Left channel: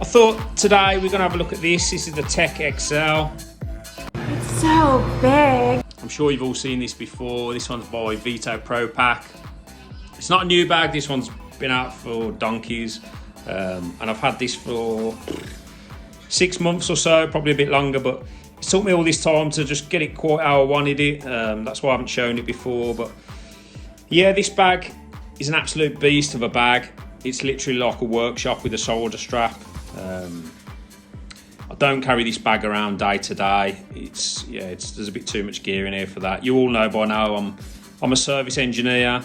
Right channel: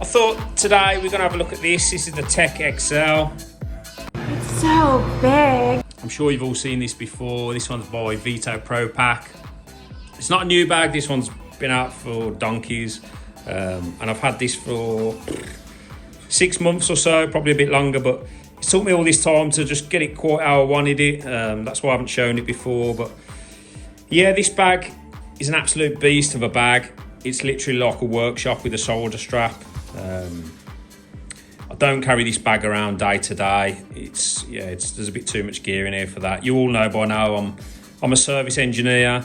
I thought today we're going to have a look at this. This is the Tech-XL. It's so big. I'm sure you've all seen this before. This one's by Veto Pack. It's not a new bag. This one's been out for donkeys. And I've had this for 6 months or so, probably a bit longer, but it took me all this time to just get it quite how I wanted it. That's why I haven't shown it before. But yeah, this bag is an absolute beast of a bag. It's literally like a workshop with a solder strap. I don't carry this bag around day to day. There's a bit too much gear in here for that. You all know by now I'm a service engineer,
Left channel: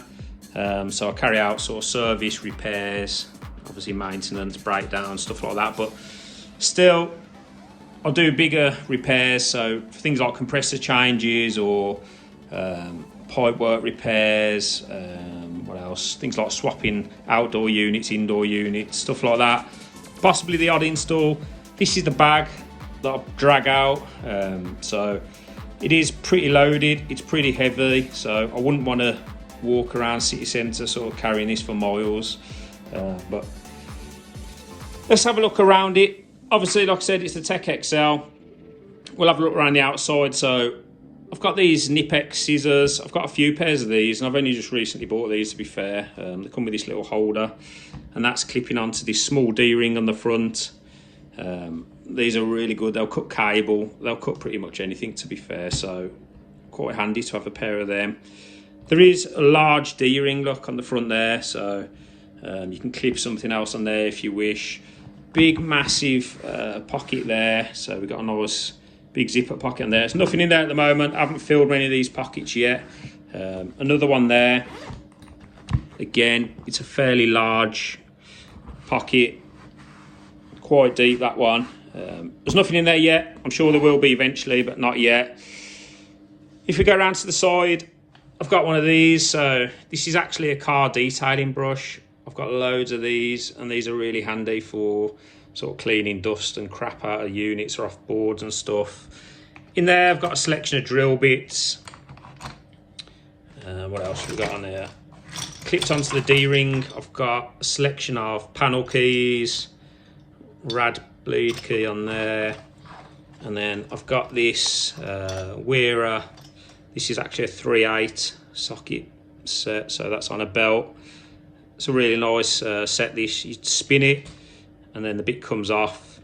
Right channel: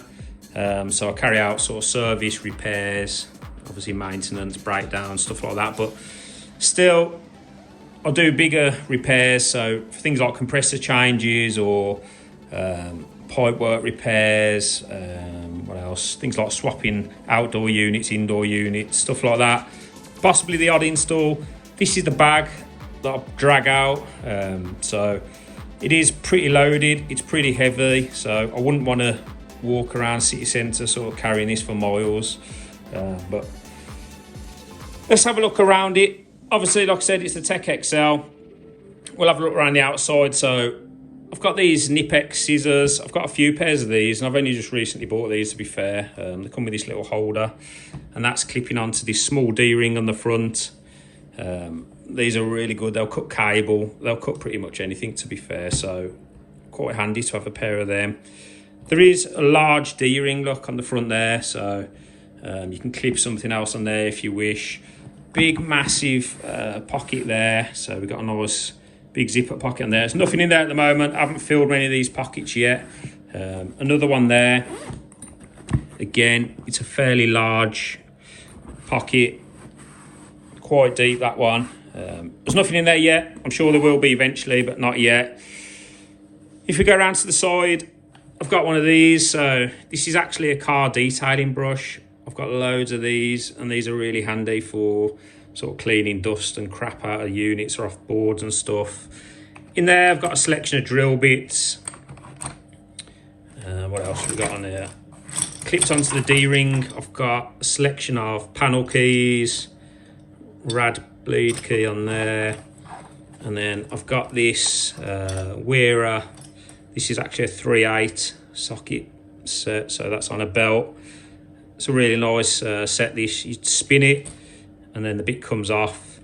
so I carry out sort of service, repairs, obviously maintenance, breakdown, stuff like that. But still, I do bigger repairs, so things like compressor changes or pipe work repairs. What else? Things like swapping outdoor units, indoor units, stuff like that. Possibly the odd install. This is the bag that I drag out. So it is pretty loaded. It's pretty heavy. So I wouldn't want to walk around city centre sort of carrying this for miles. But let's have a look around it. Obviously, like I said, it's the Tech-XL. We'll have a look around the outside. So I've got these nippex scissors. I've got a few pairs of these, and I've only just recently bought these, to be fair. They come with this little holder, and that's clipping onto this small D-ring on the front. These are really good. They'll cut cable. They'll cut pretty much anything, to be fair. So quite handy to have a pair of them. There is a large D-ring look on the front there, so you can clip something else on there if you wish. Big, massive pocket there. So we've got a nice big zipper pocket on there. There's nothing in there at the moment. I haven't filled many of these pockets yet. Another one there. Again, it's a fairly large pocket. Quite deep, that one. There's nothing in there yet. I'm sure there will be eventually, but not yet. If we go around to the side, I've got one of these. So this is actually a car detailing brush. I've got loads of these, and these are really handy for sort of cleaning dust and crap out of units or off boards and stuff. In there, I've got a selection of drill bits. What else have we got on there? Clipped onto the D-ring, I've got a selection of panel keys, rad bleed key on there, and then I've got this wearer. This is actually a 3/8 socket set, so that's on a belt. It's a really nice set. This, you spin it, and then the bit comes off,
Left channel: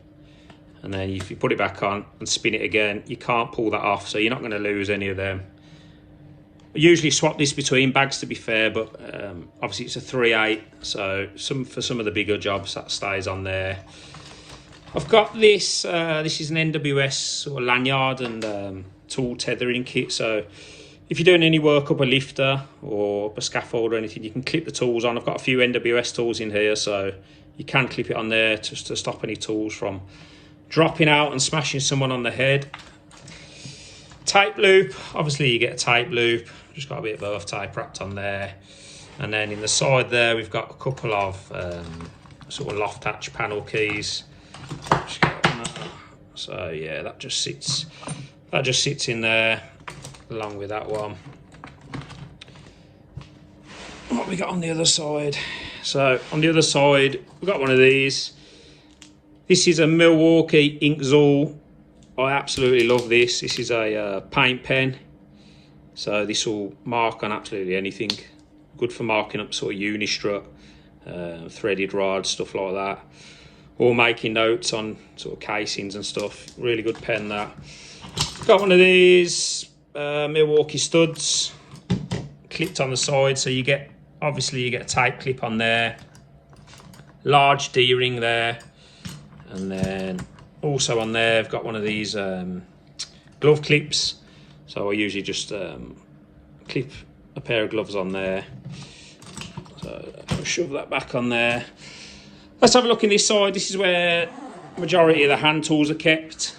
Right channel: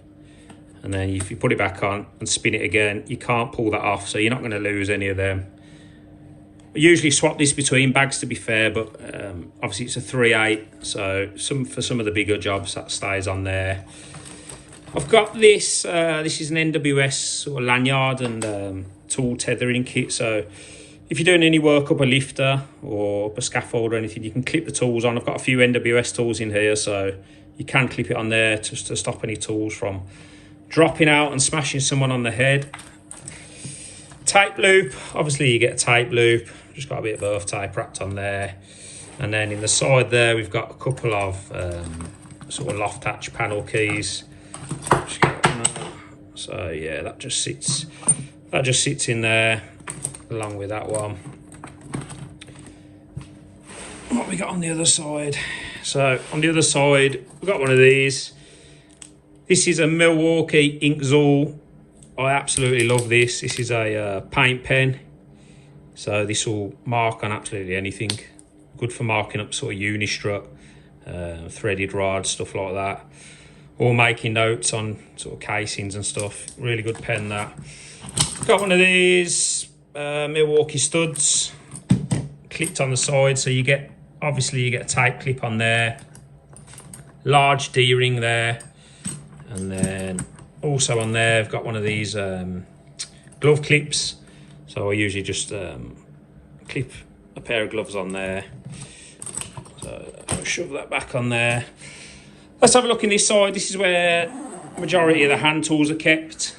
and then if you put it back on and spin it again, you can't pull that off, so you're not going to lose any of them. I usually swap this between bags, to be fair, but obviously it's a 3/8, so for some of the bigger jobs that stays on there. I've got this. This is an NWS sort of lanyard and tool tethering kit. So if you're doing any work up a lifter or up a scaffold or anything, you can clip the tools on. I've got a few NWS tools in here, so you can clip it on there just to stop any tools from dropping out and smashing someone on the head. Tape loop. Obviously you get a tape loop. Just got a bit of earth tape wrapped on there. And then in the side there, we've got a couple of sort of loft hatch panel keys. So yeah, that just sits in there along with that one. What we got on the other side? So on the other side, we've got one of these. This is a Milwaukee Inkzul. I absolutely love this. This is a paint pen. So this will mark on absolutely anything. Good for marking up sort of unistrut, threaded rods, stuff like that. Or making notes on sort of casings and stuff. Really good pen, that. Got one of these Milwaukee studs clipped on the side, so you get a tape clip on there. Large D-ring there, and then also on there I've got one of these glove clips. So I usually just clip a pair of gloves on there. So I'll shove that back on there. Let's have a look in this side. This is where the majority of the hand tools are kept.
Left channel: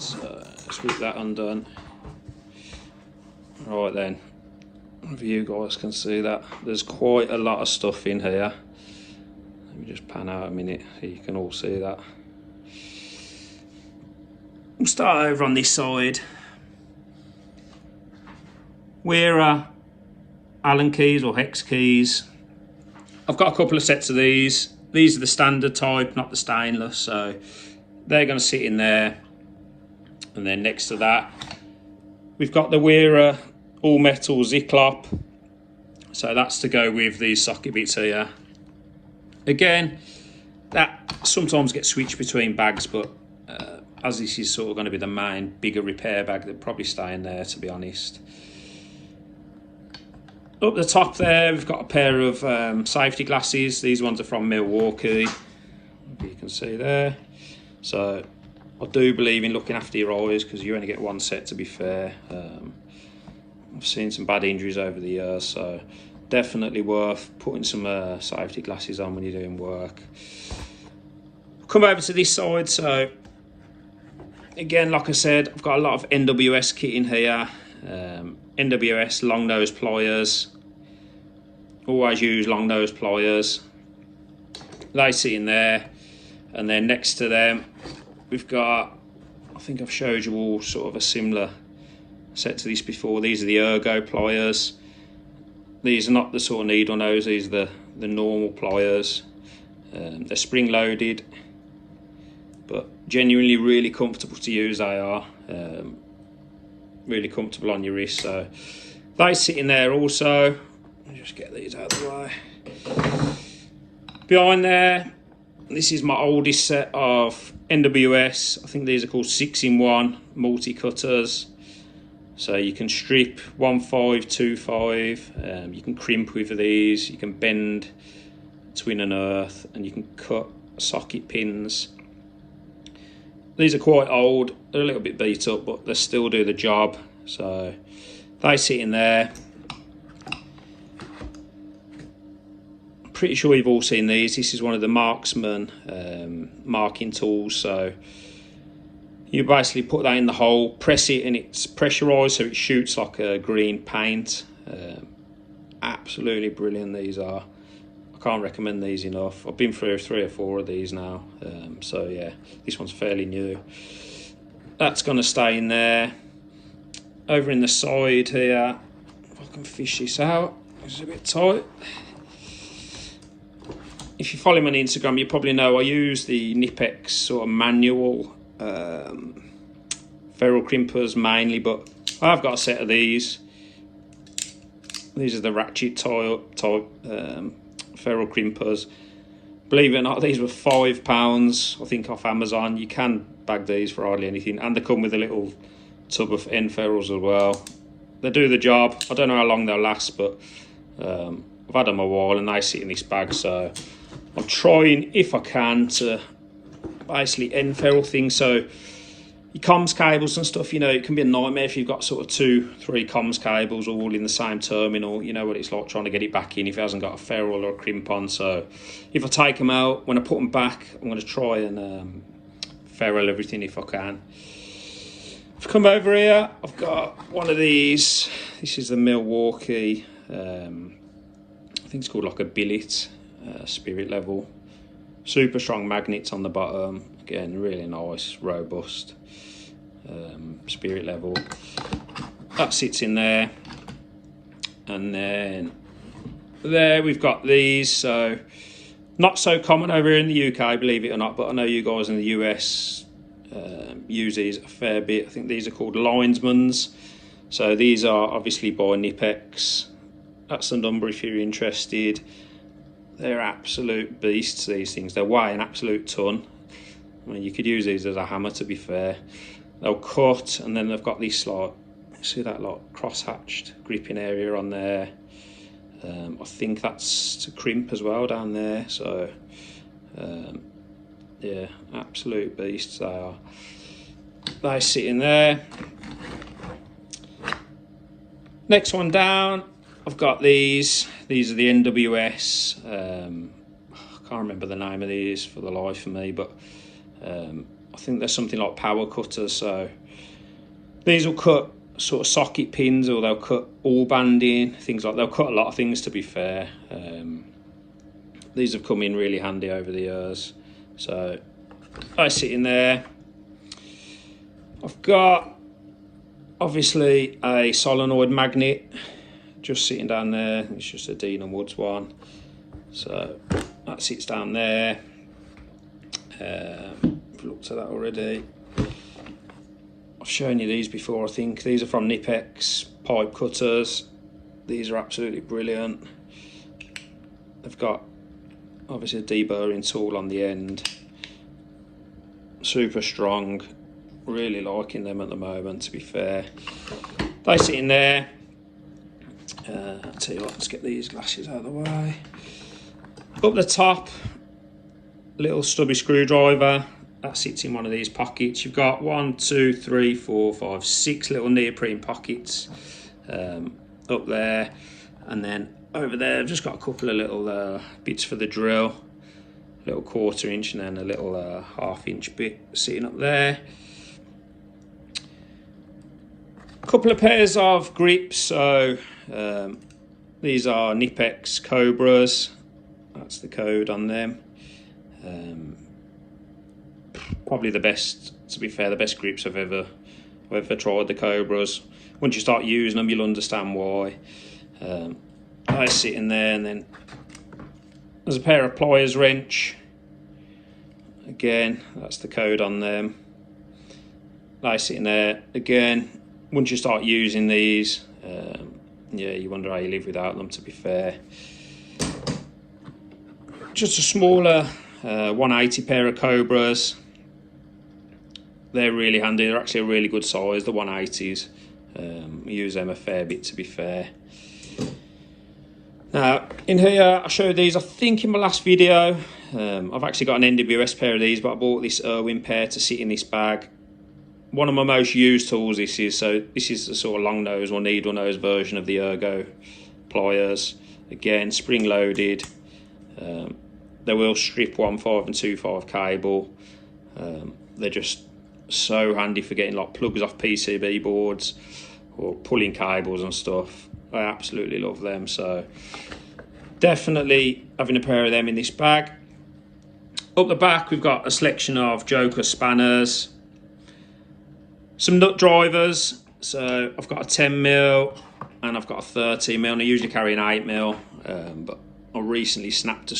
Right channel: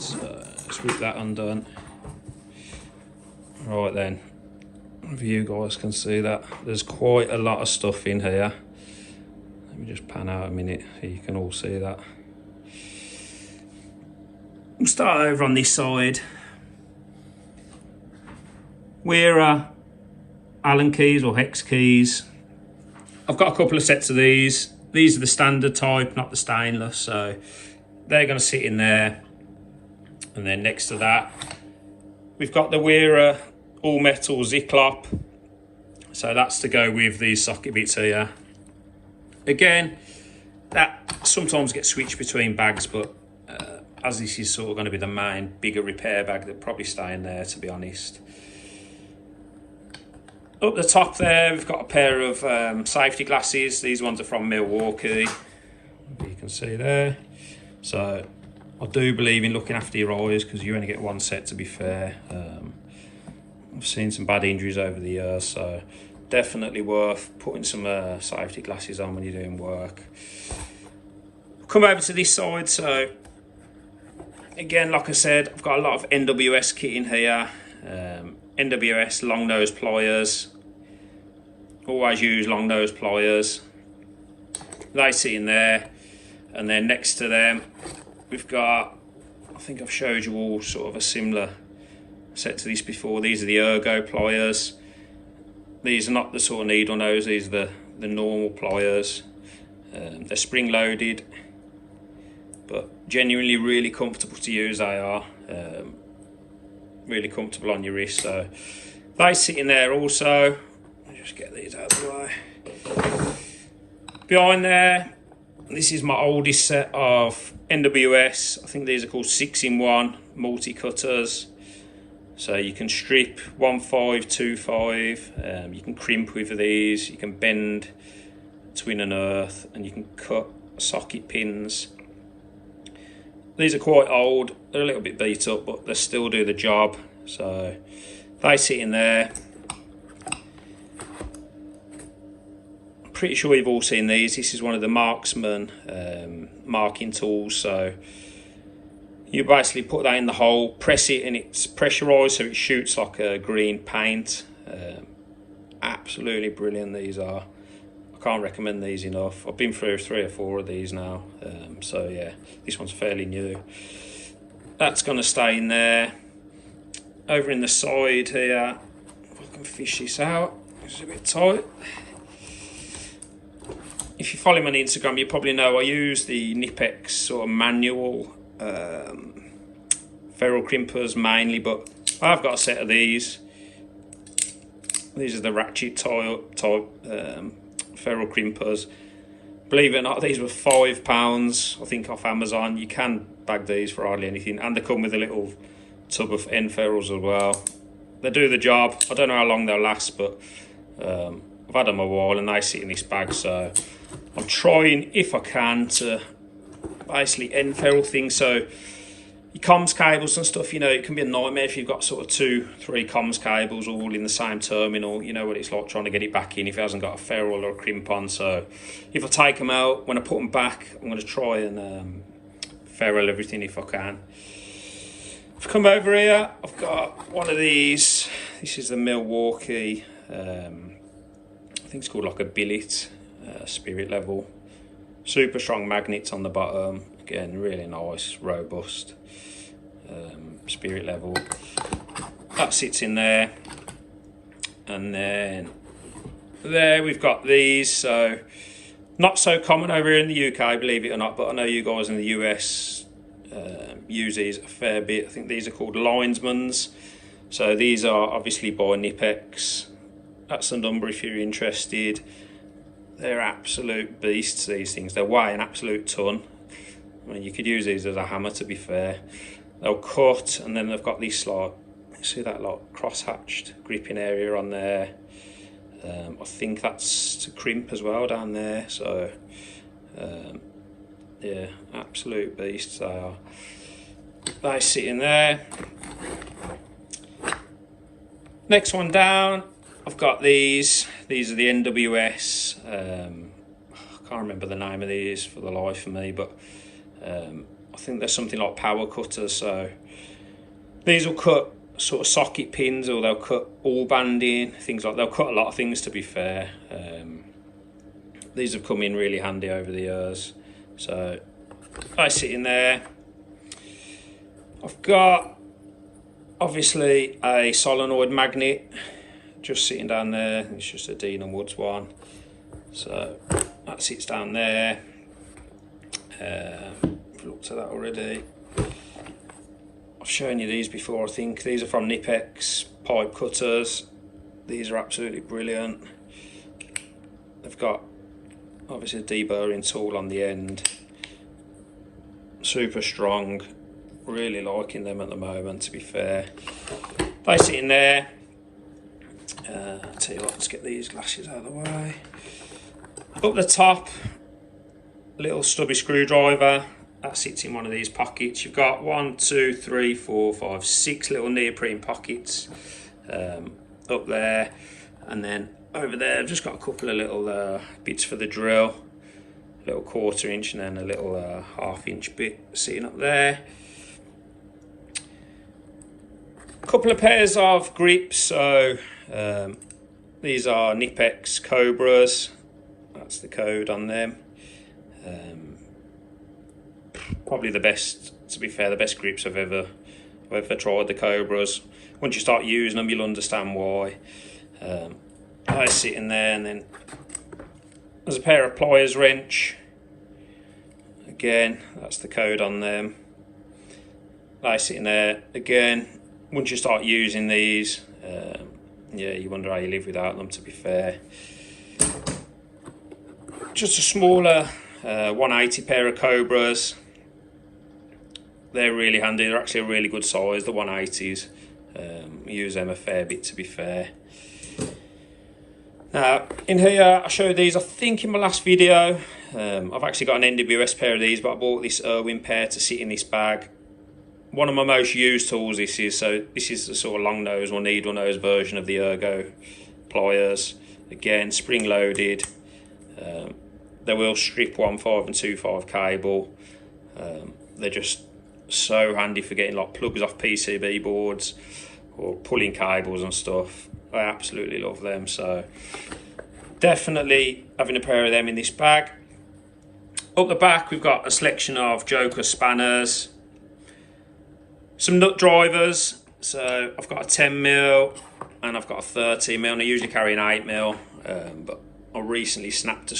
So let's get that undone. Right then, if you guys can see that, there's quite a lot of stuff in here. Let me just pan out a minute so you can all see that. We'll start over on this side. Allen keys or hex keys. I've got a couple of sets of these. These are the standard type, not the stainless, so they're going to sit in there. And then next to that, we've got the Wearer all metal Zyklop. So that's to go with these socket bits here. Again, that sometimes gets switched between bags, but as this is sort of going to be the main bigger repair bag, they'll probably stay in there, to be honest. Up the top there, we've got a pair of safety glasses. These ones are from Milwaukee, you can see there. So I do believe in looking after your eyes, because you only get one set, to be fair. I've seen some bad injuries over the years, so definitely worth putting some safety glasses on when you're doing work. Come over to this side. So again, like I said, I've got a lot of NWS kit in here. NWS long nose pliers. Always use long nose pliers. They sit in there, and then next to them we've got, I think I've showed you all sort of a similar set to this before. These are the Ergo pliers. These are not the sort of needle nose, these are the normal pliers. They're spring loaded, but genuinely really comfortable to use. They are really comfortable on your wrist, so they sit in there also. I'll just get these out of the way. Behind there, this is my oldest set of NWS. I think these are called 6-in-1 multi-cutters. So you can strip 1/5, 2/5, you can crimp with these, you can bend, twin and earth, and you can cut socket pins. These are quite old, they're a little bit beat up, but they still do the job. So they sit in there. I'm pretty sure you've all seen these. This is one of the Marksman marking tools. So you basically put that in the hole, press it, and it's pressurized so it shoots like a green paint. Absolutely brilliant these are. I can't recommend these enough. I've been through 3 or 4 of these now. So yeah, this one's fairly new. That's going to stay in there. Over in the side here, if I can fish this out, it's a bit tight. If you follow me on Instagram, you probably know I use the nippex sort of manual ferrule crimpers mainly, but I've got a set of these. These are the ratchet type ferrule crimpers. Believe it or not, these were £5, I think, off Amazon. You can bag these for hardly anything, and they come with a little tub of end ferrules as well. They do the job. I don't know how long they'll last, but I've had them a while and they sit in this bag, so I'm trying, if I can, to basically end ferrule things. So your comms cables and stuff, you know, it can be a nightmare if you've got sort of 2-3 comms cables all in the same terminal. You know what it's like trying to get it back in if it hasn't got a ferrule or a crimp on. So if I take them out, when I put them back, I'm going to try and ferrule everything if I can. If I come over here, I've got one of these. This is the Milwaukee, I think it's called like a billet, spirit level. Super strong magnets on the bottom. Again, really nice, robust spirit level. That sits in there. And then there we've got these. So not so common over here in the UK, believe it or not, but I know you guys in the US use these a fair bit. I think these are called linesmans. So these are obviously by nippex. That's the number if you're interested. They're absolute beasts, these things. They weigh an absolute ton. I mean, you could use these as a hammer, to be fair. They'll cut, and then they've got this, like, see that, like, cross-hatched gripping area on there. I think that's to crimp as well down there. So yeah, absolute beasts they are. They sit in there. Next one down, I've got these. These are the NWS. I can't remember the name of these for the life of me, but I think there's something like power cutters. So these will cut sort of socket pins, or they'll cut all banding, things like, they'll cut a lot of things, to be fair. These have come in really handy over the years. So I sit in there. I've got obviously a solenoid magnet just sitting down there. It's just a Dean & Woods one. So that sits down there. We've looked at that already. I've shown you these before, I think. These are from Nippex pipe cutters. These are absolutely brilliant. They've got obviously a deburring tool on the end. Super strong. Really liking them at the moment, to be fair. They sit in there. I'll tell you what, let's get these glasses out of the way. Up the top, little stubby screwdriver. That sits in one of these pockets. You've got 1, 2, 3, 4, 5, 6 little neoprene pockets up there. And then over there, I've just got a couple of little bits for the drill. A little 1/4 inch and then a little 1/2 inch bit sitting up there. A couple of pairs of grips. So these are nippex cobras. That's the code on them. Probably the best, to be fair, the best grips I've ever tried, the cobras. Once you start using them, you'll understand why. I sit in there, and then there's a pair of pliers wrench. Again, that's the code on them. They sit in there. Again, once you start using these, yeah, you wonder how you live without them, to be fair. Just a smaller 180 pair of cobras. They're really handy. They're actually a really good size, the 180s. Use them a fair bit, to be fair. Now, in here, I showed these, I think, in my last video. I've actually got an NWS pair of these, but I bought this Irwin pair to sit in this bag. One of my most used tools this is, so this is the sort of long nose or needle nose version of the Ergo pliers. Again, spring loaded. They will strip 1/5 and 2/5 cable. They're just so handy for getting like plugs off PCB boards or pulling cables and stuff. I absolutely love them, so definitely having a pair of them in this bag. Up the back, we've got a selection of Joker spanners, some nut drivers. So I've got a 10mm and I've got a 30mm, and I usually carry an 8mm, but I recently snapped a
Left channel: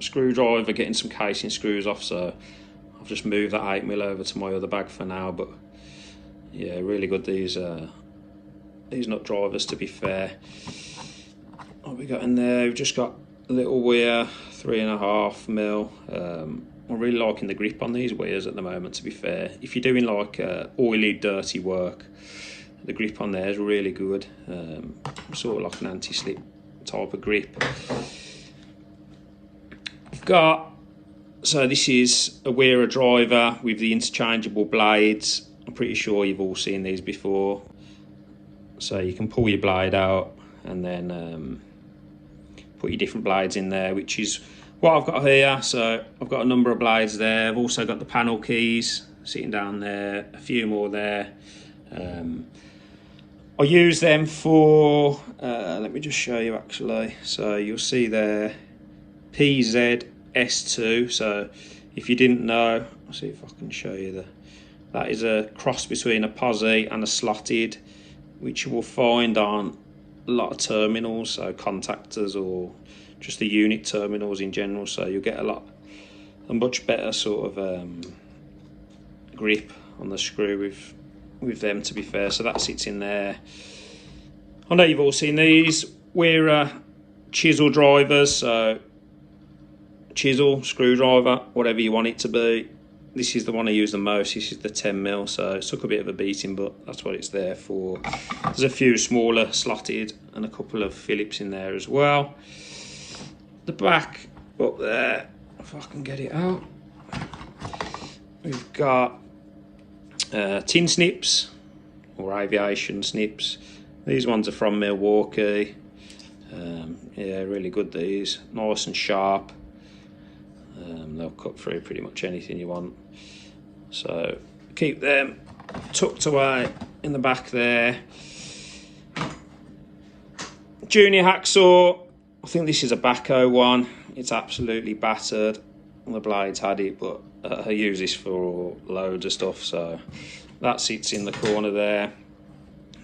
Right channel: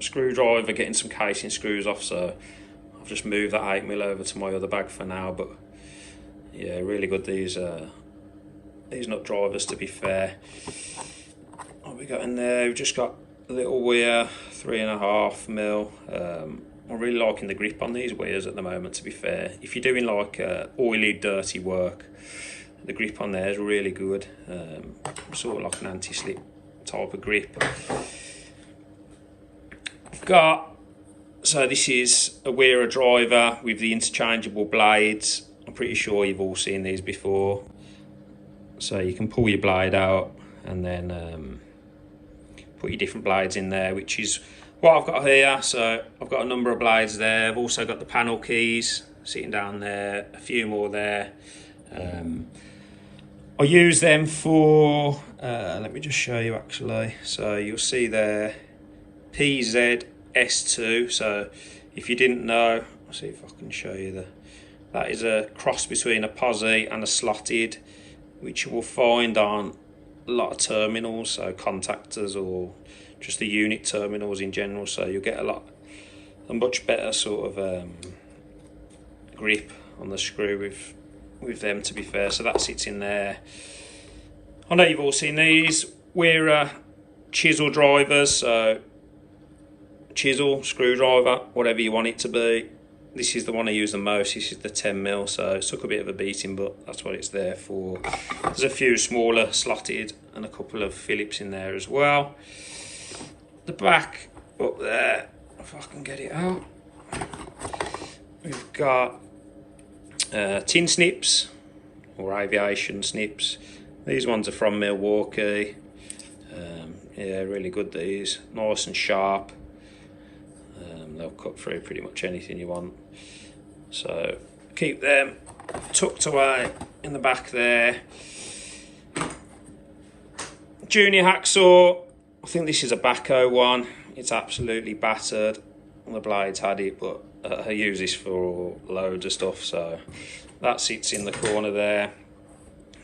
screwdriver getting some casing screws off, so I've just moved that 8mm over to my other bag for now. But yeah, really good, these nut drivers, to be fair. What we got in there, we've just got a little weir, 3.5mm. I'm really liking the grip on these weirs at the moment, to be fair. If you're doing like oily, dirty work, the grip on there is really good. Sort of like an anti-slip type of grip. I've got, so this is a wearer driver with the interchangeable blades. I'm pretty sure you've all seen these before. So you can pull your blade out and then put your different blades in there, which is what I've got here. So I've got a number of blades there. I've also got the panel keys sitting down there, a few more there. I use them for, let me just show you actually. So you'll see there, PZS2. So if you didn't know, I'll see if I can show you that is a cross between a posi and a slotted, which you will find on a lot of terminals, so contactors or just the unit terminals in general. So you'll get a much better sort of grip on the screw with them, to be fair. So that sits in there. I know you've all seen these. We're chisel drivers, so chisel, screwdriver, whatever you want it to be. This is the one I use the most. This is the 10mm, so it took a bit of a beating, but that's what it's there for. There's a few smaller slotted and a couple of Phillips in there as well. The back up there, if I can get it out, we've got tin snips or aviation snips. These ones are from Milwaukee. Yeah, really good, these. Nice and sharp. They'll cut through pretty much anything you want. So keep them tucked away in the back there. Junior hacksaw. I think this is a Baco one. It's absolutely battered. The blades had it, but I use this for loads of stuff. So that sits in the corner there.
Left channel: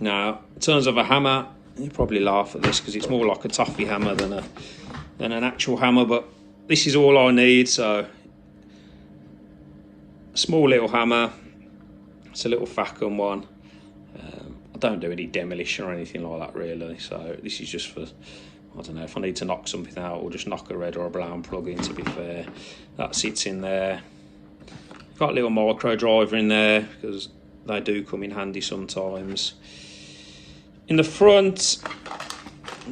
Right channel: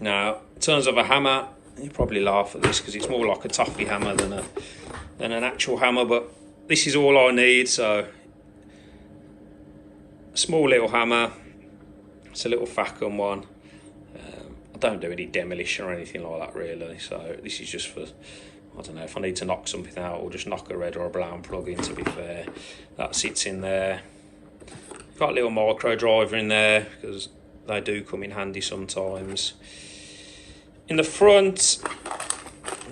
Now, in terms of a hammer, you probably laugh at this because it's more like a toffee hammer than an actual hammer, but this is all I need. So a small little hammer, it's a little Facom one. I don't do any demolition or anything like that really, so this is just for, I don't know, if I need to knock something out or just knock a red or a brown plug in, to be fair. That sits in there. Got a little micro driver in there because they do come in handy sometimes. In the front,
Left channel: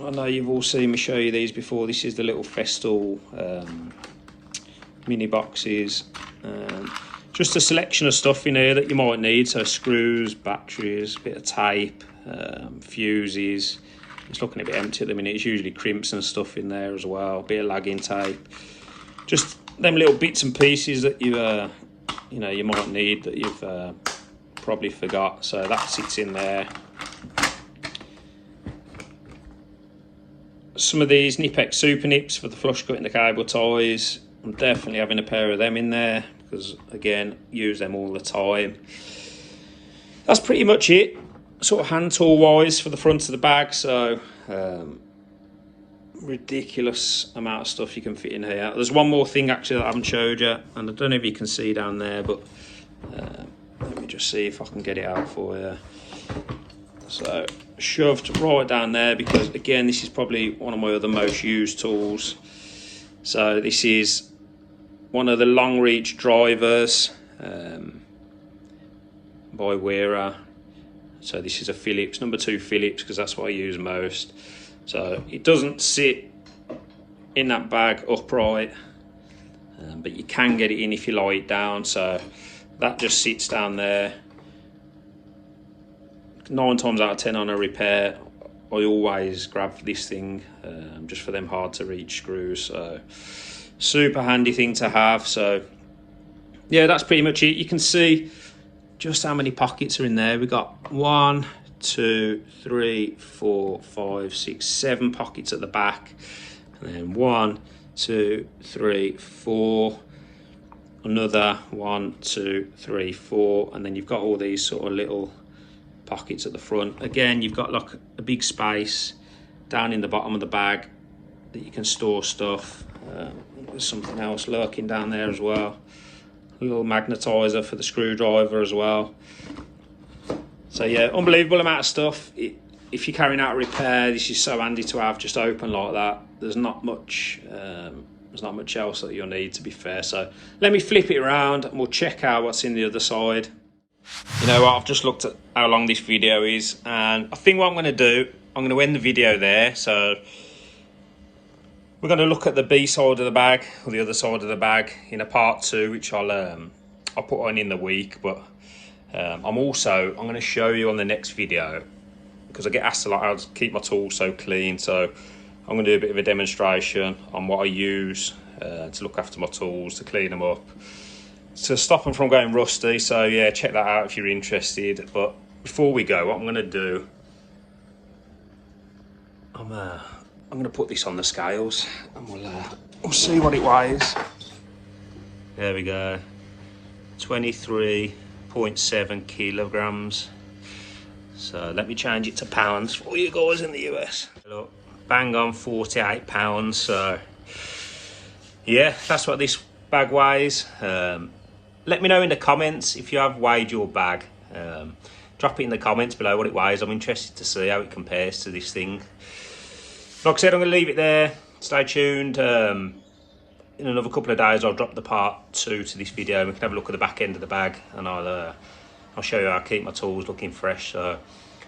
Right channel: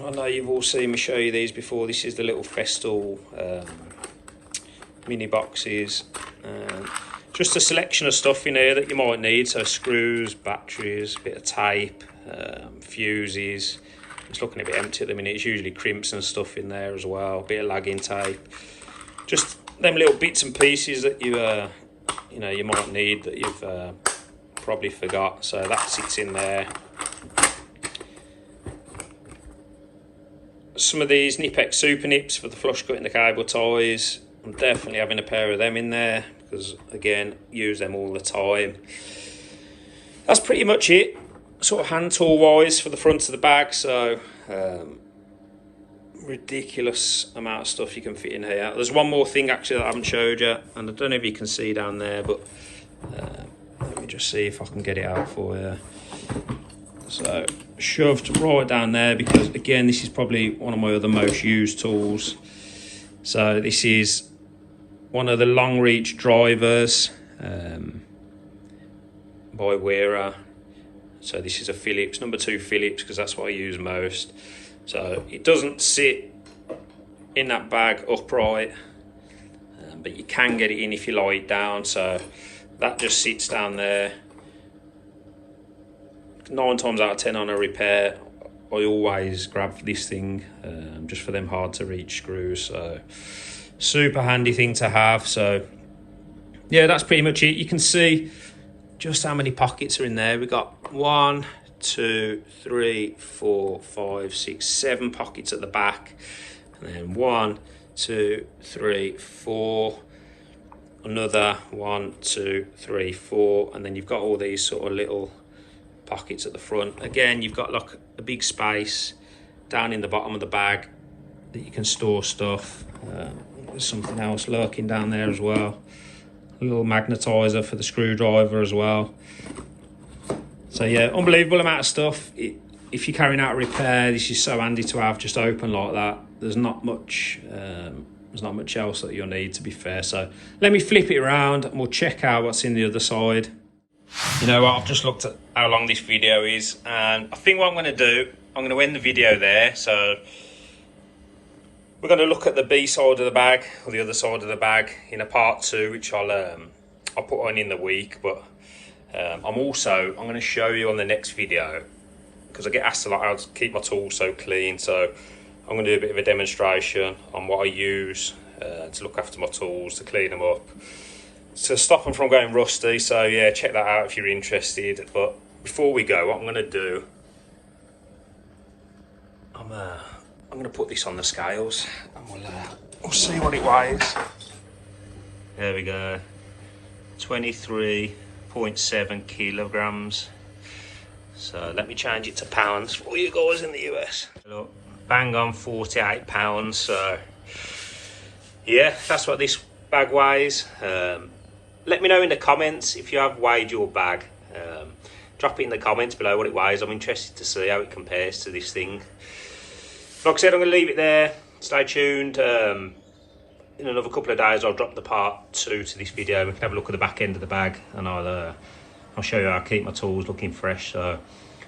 I know you've all seen me show you these before, this is the little Festool mini boxes. Just a selection of stuff in here that you might need, so screws, batteries, a bit of tape, fuses. It's looking a bit empty at the minute. It's usually crimps and stuff in there as well, a bit of lagging tape. Just them little bits and pieces that you know, you might need that you've probably forgot. So that sits in there. Some of these nippex super nips for the flush cut and the cable ties. I'm definitely having a pair of them in there because, again, use them all the time. That's pretty much it, sort of hand tool wise for the front of the bag. So ridiculous amount of stuff you can fit in here. There's one more thing actually that I haven't showed you, and I don't know if you can see down there, but let me just see if I can get it out for you. So shoved right down there because, again, this is probably one of my other most used tools. So this is one of the long reach drivers by Wearer. So this is a Phillips, number 2 Phillips, because that's what I use most. So it doesn't sit in that bag upright, but you can get it in if you lie it down. So that just sits down there. 9 times out of 10 on a repair, I always grab this thing just for them hard to reach screws. So super handy thing to have. So yeah, that's pretty much it. You can see just how many pockets are in there. We've got 1, 2, 3, 4, 5, 6, 7 pockets at the back, and then 1, 2, 3, 4, another 1, 2, 3, 4, and then you've got all these sort of little pockets at the front. Again, you've got like a big space down in the bottom of the bag that you can store stuff. There's something else lurking down there as well, a little magnetizer for the screwdriver as well. So yeah, unbelievable amount of stuff. If you're carrying out a repair, this is so handy to have just open like that. There's not much else that you'll need, to be fair. So let me flip it around and we'll check out what's in the other side. You know what, I've just looked at how long this video is, and I think what I'm going to do, I'm going to end the video there. So we're going to look at the B side of the bag, or the other side of the bag, in a part 2, which I'll put on in the week. But I'm going to show you on the next video, because I get asked a lot how to keep my tools so clean. So I'm going to do a bit of a demonstration on what I use to look after my tools, to clean them up, to stop them from going rusty. So yeah, check that out if you're interested. But before we go, what I'm going to do, I'm going to put this on the scales and we'll see what it weighs. There we go, 23.7 kilograms. So let me change it to pounds for you guys in the US. Look, bang on 48 pounds. So yeah, that's what this bag weighs. Let me know in the comments if you have weighed your bag. Drop it in the comments below what it weighs. I'm interested to see how it compares to this thing. Like I said, I'm going to leave it there. Stay tuned. In another couple of days, I'll drop the part 2 to this video. We can have a look at the back end of the bag, and I'll show you how I keep my tools looking fresh. So,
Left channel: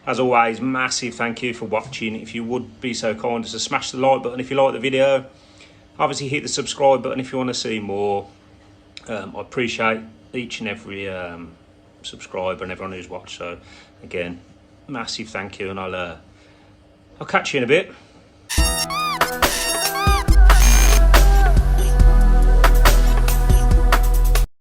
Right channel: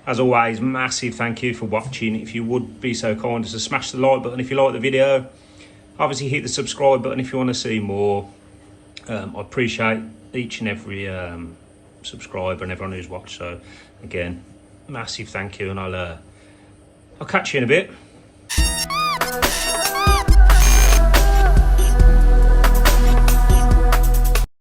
as always, massive thank you for watching. If you would be so kind as to smash the like button if you like the video. Obviously, hit the subscribe button if you want to see more. I appreciate each and every subscriber and everyone who's watched. So, again, massive thank you, and I'll catch you in a bit.